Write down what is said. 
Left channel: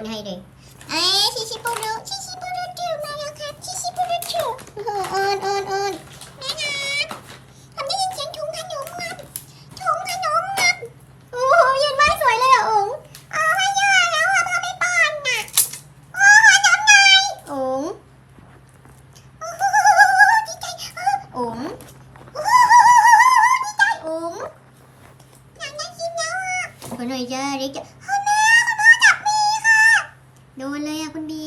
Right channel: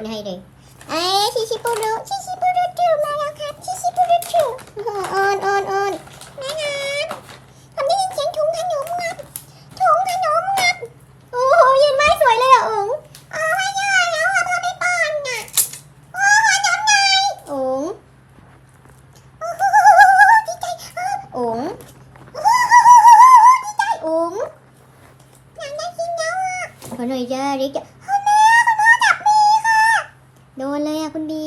คนให้เลยชิชิปูรุจูมาแล้วครับชิชิปูรุจูอ่อนแม่น้ำทำได้ยินเสียงถุงขนมงับโอ้โหยืนไว้สวยเลยอ่ะอุ๋งให้เยอะแล้วอ่ะพอไม่ป้อนน่ะน้ำไงอุ๋งดีใจอุ๋งดีใจอุ๋งอยากได้กินแล้วอ่ะคนหน่อยจ้าเด็กจะแม่คุณพ่อจับมีค่ะโดนเลยอ่ะคุณบี